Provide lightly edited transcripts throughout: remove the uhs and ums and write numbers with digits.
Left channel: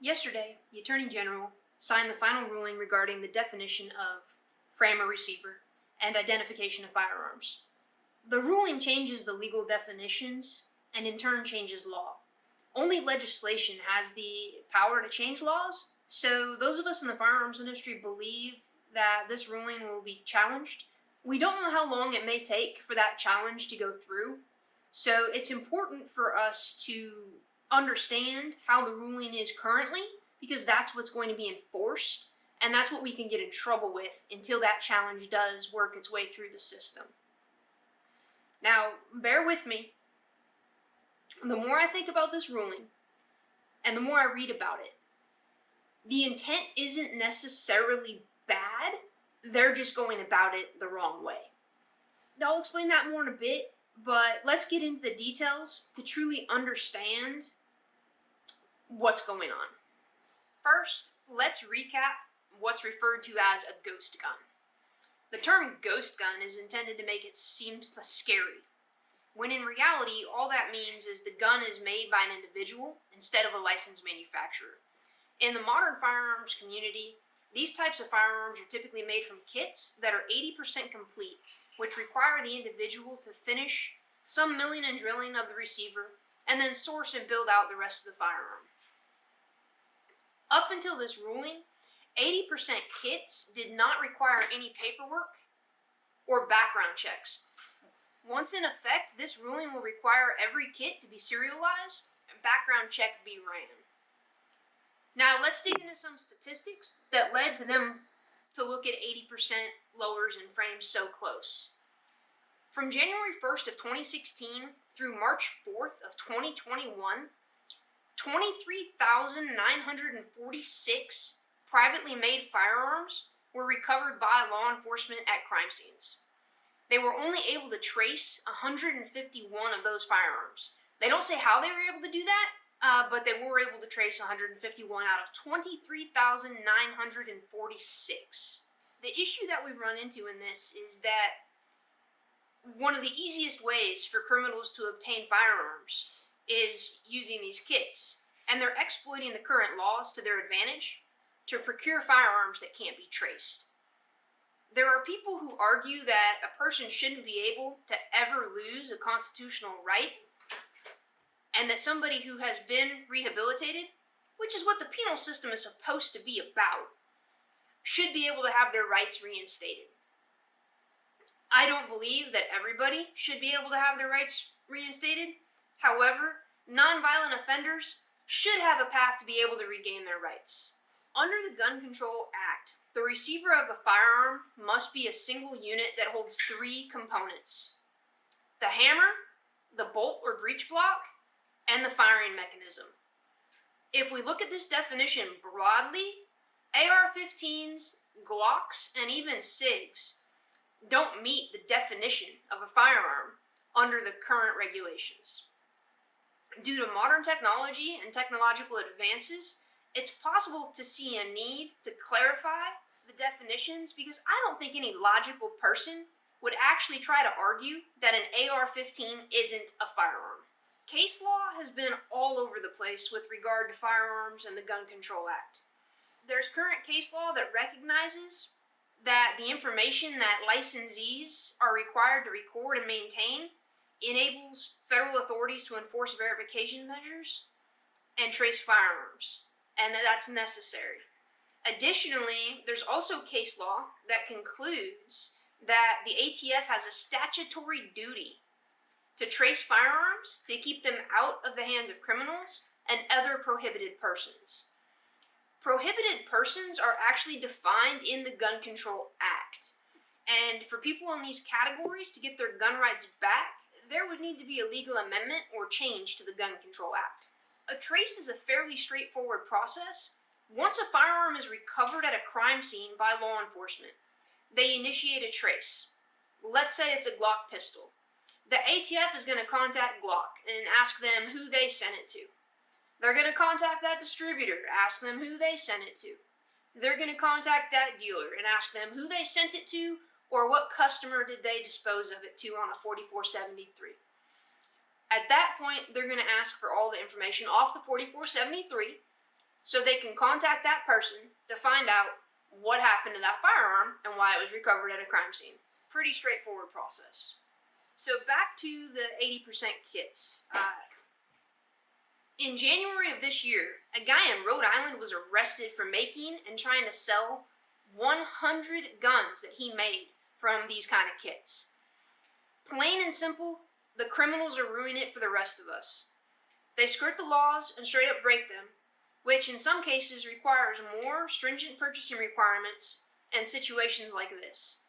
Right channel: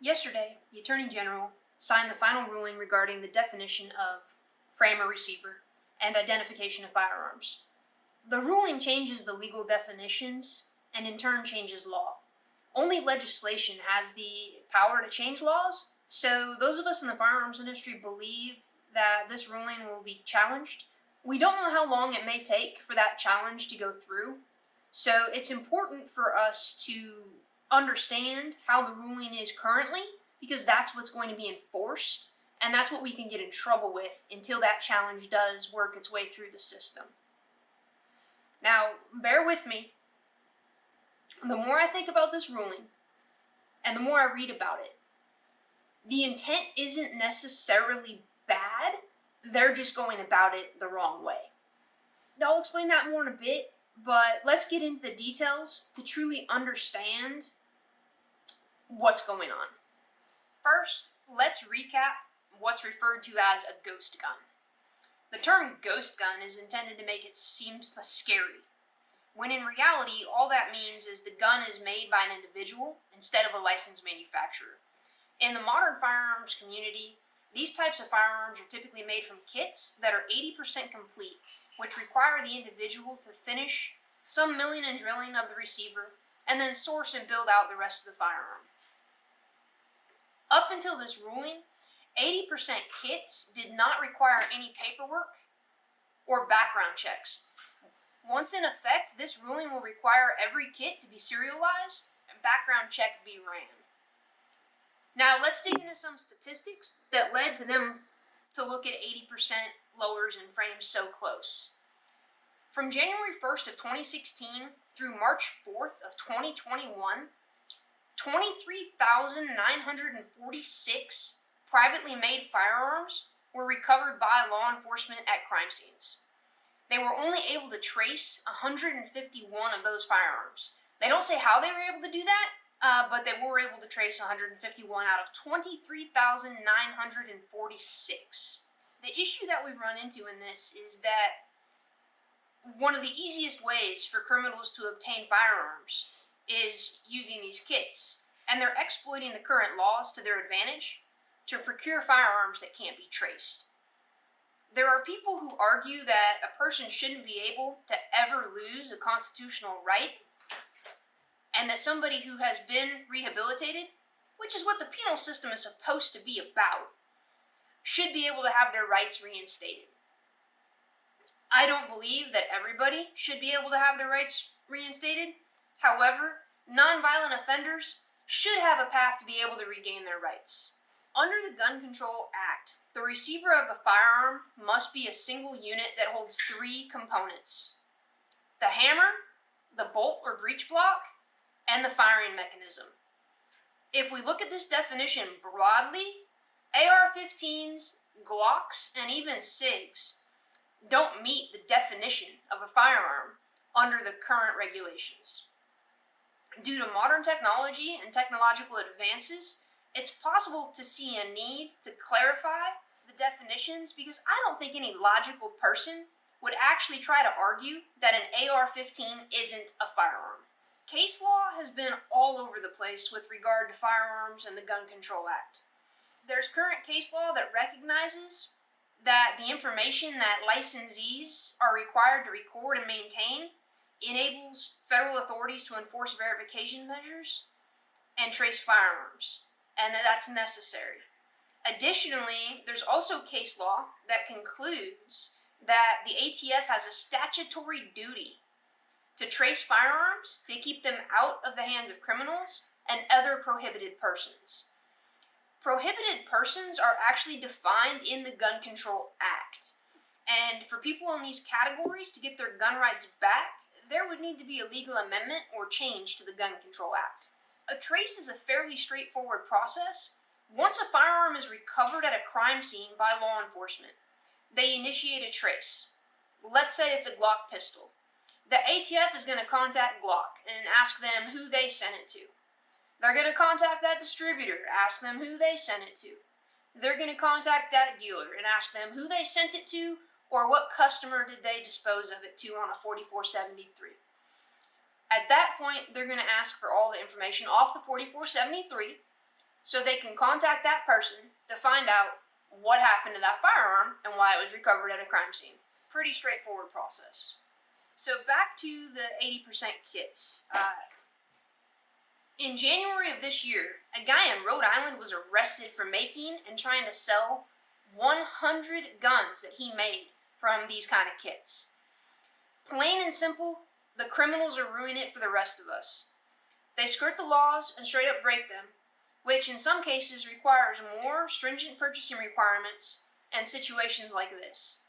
Yesterday, the Attorney General signed the final ruling regarding the definition of frame or receiver and identification of firearms. The ruling changes the legal definitions and in turn changes law. Only legislation has the power to change laws, so those of us in the firearms industry believe that this ruling will be challenged. We don't know how long it may take for that challenge to go through, so it's important for us to understand how the ruling is currently, because that's what's going to be enforced, and that's what we can get in trouble with until that challenge does work its way through the system. Now, bear with me. The more I think about this ruling, and the more I read about it, the intent isn't necessarily bad, they're just going about it the wrong way. Now, I'll explain that more in a bit, but let's get into the details to truly understand what's going on. First, let's recap what's referred to as a ghost gun. The term ghost gun is intended to make it seem scary, when in reality, all that means is the gun is made by an individual instead of a licensed manufacturer. In the modern firearms community, these types of firearms are typically made from kits that are 80% complete, which require the individual to finish some milling and drilling of the receiver and then source and build out the rest of the firearm. Up until this ruling, 80% kits did not require any paperwork or background checks. Once in effect, this ruling will require every kit to be serialized and background check be ran. Now let's dig into some statistics that led to them to look at 80% lowers and frames so close. From January 1st of 2016 through March 4th of 2021, 23,946 privately made firearms were recovered by law enforcement at crime scenes. They were only able to trace 151 of those firearms. They don't say how they were able to do that, but they were able to trace 151 out of 23,946. The issue that we run into in this is that one of the easiest ways for criminals to obtain firearms is using these kits, and they're exploiting the current laws to their advantage to procure firearms that can't be traced. There are people who argue that a person shouldn't be able to ever lose a constitutional right, and that somebody who has been rehabilitated, which is what the penal system is supposed to be about, should be able to have their rights reinstated. I don't believe that everybody should be able to have their rights reinstated. However, nonviolent offenders should have a path to be able to regain their rights. Under the Gun Control Act, the receiver of a firearm must be a single unit that holds 3 components: the hammer, the bolt or breech block, and the firing mechanism. If we look at this definition broadly, AR-15s, Glocks, and even SIGs don't meet the definition of a firearm under the current regulations. Due to modern technology and technological advances, it's possible to see a need to clarify the definitions, because I don't think any logical person would actually try to argue that an AR-15 isn't a firearm. Case law has been all over the place with regard to firearms and the Gun Control Act. There's current case law that recognizes that the information that licensees are required to record and maintain enables federal authorities to enforce verification measures and trace firearms, and that's necessary. Additionally, there's also case law that concludes that the ATF has a statutory duty to trace firearms to keep them out of the hands of criminals and other prohibited persons. Prohibited persons are actually defined in the Gun Control Act, and for people in these categories to get their gun rights back, there would need to be a legal amendment or change to the Gun Control Act. A trace is a fairly straightforward process. Once a firearm is recovered at a crime scene by law enforcement, they initiate a trace. Let's say it's a Glock pistol. The ATF is going to contact Glock and ask them who they sent it to. They're going to contact that distributor, ask them who they sent it to. They're going to contact that dealer and ask them who they sent it to, or what customer did they dispose of it to on a 4473. At that point, they're going to ask for all the information off the 4473, so they can contact that person to find out what happened to that firearm and why it was recovered at a crime scene. Pretty straightforward process. So back to the 80% kits. In January of this year, a guy in Rhode Island was arrested for making and trying to sell 100 guns that he made from these kind of kits. Plain and simple, the criminals are ruining it for the rest of us. They skirt the laws and straight up break them, which in some cases requires more stringent purchasing requirements and situations like this.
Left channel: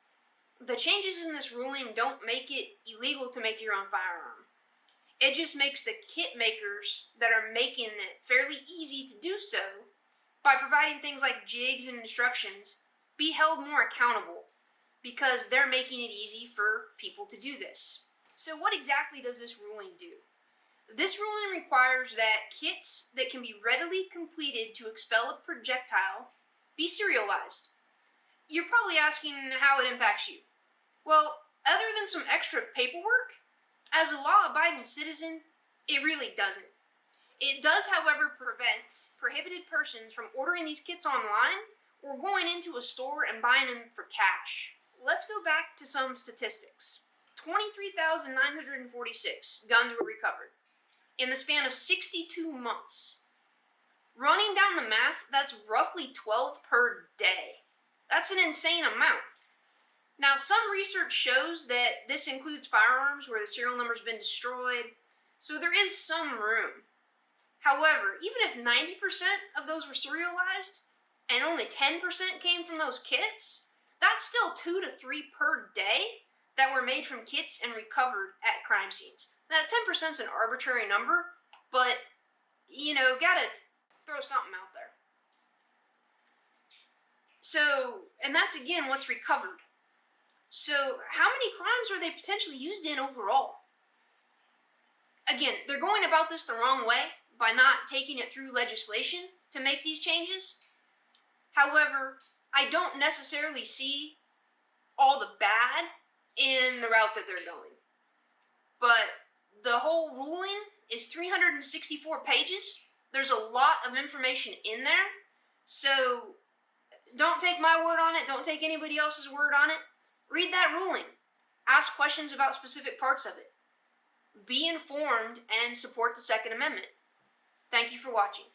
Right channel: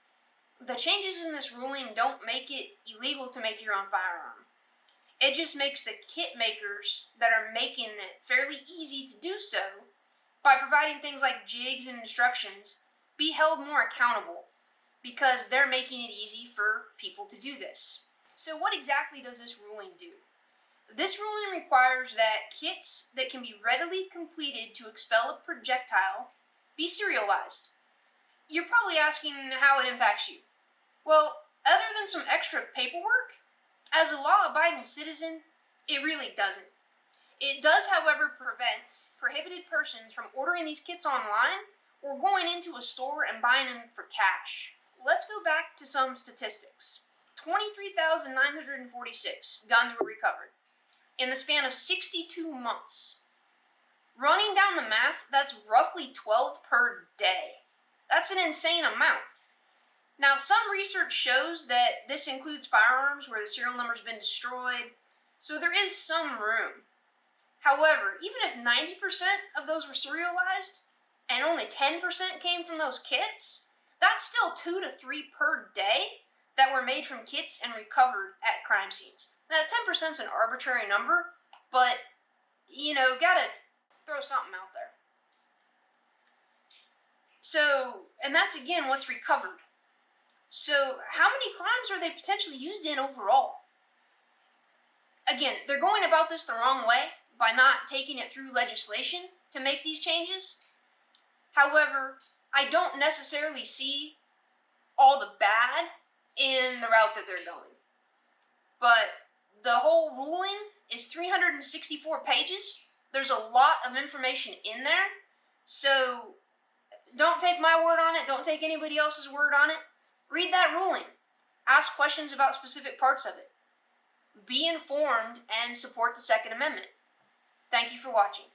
The changes in this ruling don't make it illegal to make your own firearm. It just makes the kit makers that are making it fairly easy to do so by providing things like jigs and instructions be held more accountable because they're making it easy for people to do this. So what exactly does this ruling do? This ruling requires that kits that can be readily completed to expel a projectile be serialized. You're probably asking how it impacts you. Well, other than some extra paperwork, as a law-abiding citizen, it really doesn't. It does, however, prevent prohibited persons from ordering these kits online or going into a store and buying them for cash. Let's go back to some statistics. 23,946 guns were recovered in the span of 62 months. Running down the math, that's roughly 12 per day. That's an insane amount. Now, some research shows that this includes firearms where the serial number's been destroyed, so there is some room. However, even if 90% of those were serialized, and only 10% came from those kits, that's still 2 to 3 per day that were made from kits and recovered at crime scenes. Now, 10% is an arbitrary number, but, gotta throw something out there. So, and that's again what's recovered. So, how many crimes are they potentially used in overall? Again, they're going about this the wrong way by not taking it through legislation to make these changes. However, I don't necessarily see all the bad in the route that they're going. But the whole ruling is 364 pages. There's a lot of information in there. So don't take my word on it. Don't take anybody else's word on it. Read that ruling. Ask questions about specific parts of it. Be informed and support the Second Amendment. Thank you for watching.